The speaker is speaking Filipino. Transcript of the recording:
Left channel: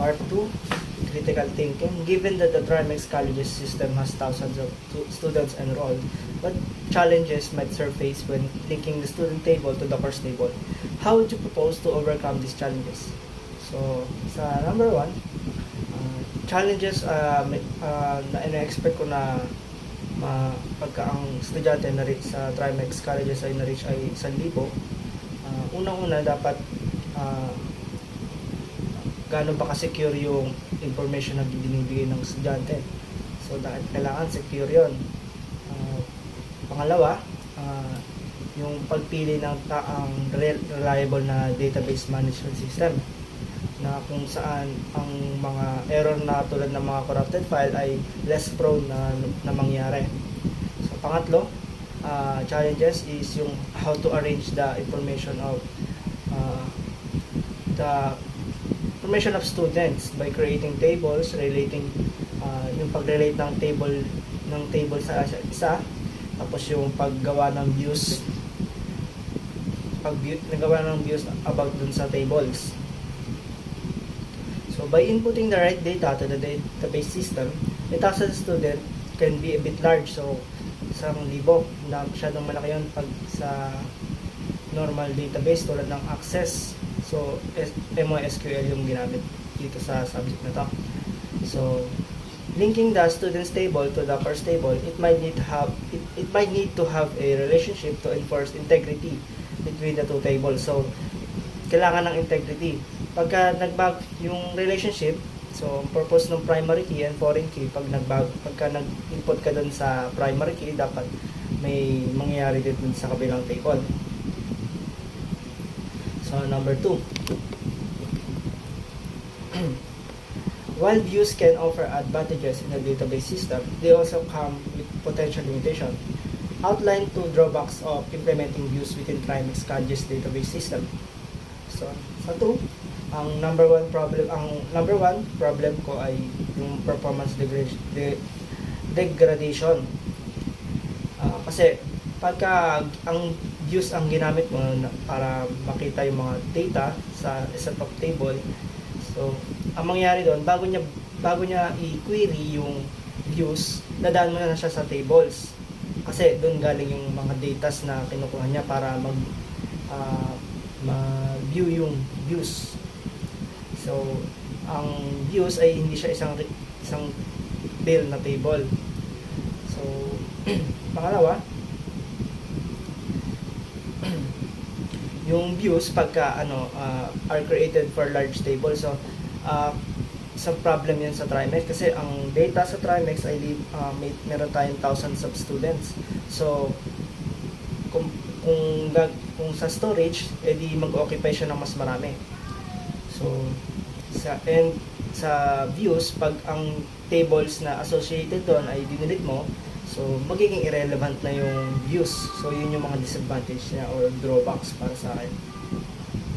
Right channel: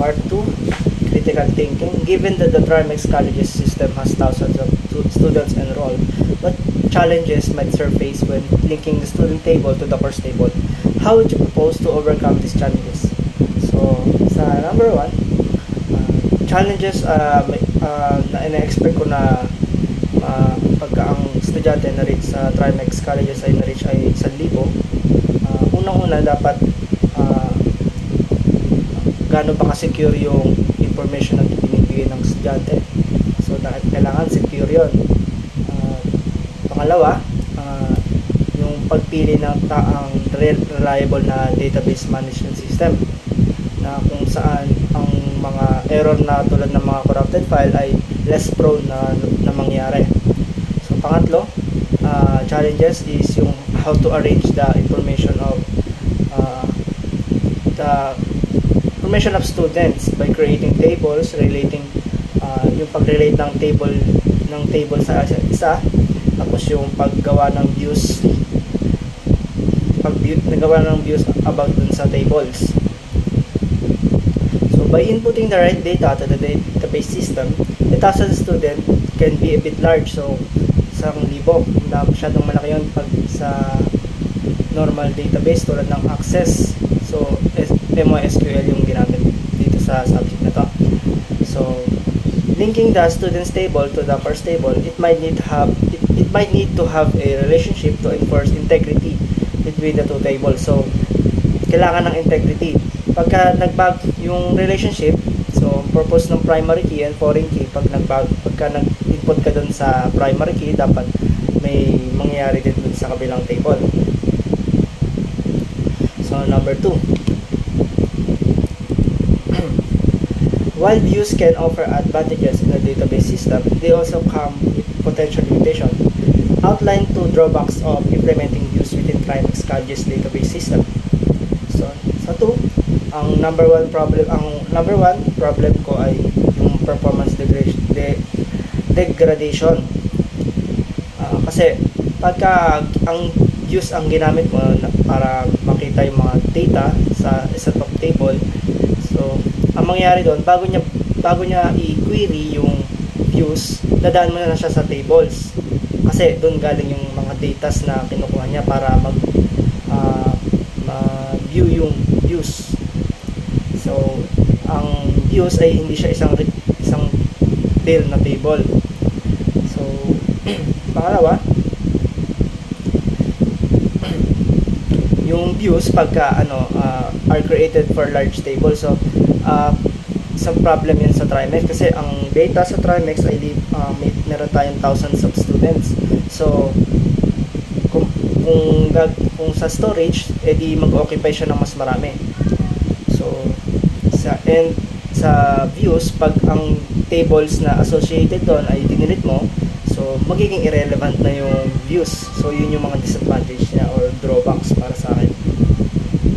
Part 2, critical thinking. Given that the Trimex Colleges system has thousands of students enrolled, what challenges might surface when linking the student table to the course table? How would you propose to overcome these challenges? So, sa number 1, challenges na ina-expect ko na pagka ang estudyante na reach sa Trimex Colleges ay na-reach ay 1,000. Unang-una, dapat gaano ba ka-secure yung information na binibigay ng estudyante. So, dahil kailangan secure yun. Pangalawa, yung pagpili ng reliable na database management system na kung saan ang mga error na tulad ng mga corrupted file ay less prone na mangyari. So, pangatlo, challenges is yung how to arrange the information of students by creating tables relating yung pag-relate ng table sa isa, tapos yung paggawa ng views about dun sa tables. So by inputting the right data to the database system, the task of the student can be a bit large. So 1,000 na masyadong malaki yun pag sa normal database tulad ng Access. So MySQL yung ginamit dito sa subject na to. So linking the students table to the course table, it might need to have a relationship to enforce integrity between the two tables. So kailangan ng integrity. Pagka nagbag yung relationship, so purpose ng primary key and foreign key, pagka nag-input ka dun sa primary key, dapat may mangyayari din dun sa kabilang table. So number 2, while views can offer advantages in a database system, they also come with potential limitations. Outline 2 drawbacks of implementing views within Trimex Colleges database system. So sa 2, ang number one problem ko ay yung performance degradation. Kasi pagka ang views ang ginamit mo para makita yung mga data sa top table, so ang mangyayari doon, bago niya i-query yung views, dadaan mo na siya sa tables. Kasi doon galing yung mga data na kinukuha niya para ma-view yung views. So, ang views ay hindi siya isang real na table. So, pangalawa, yung views pagka are created for large table. So, isang problem yan sa Trimex kasi ang data sa Trimex ay meron tayong thousands of students. So, kung sa storage, edi mag-occupy siya ng mas marami. So, sa views, pag ang tables na associated doon ay dinilit mo, so magiging irrelevant na yung views. So, yun yung mga disadvantage niya or drawbacks para sa akin.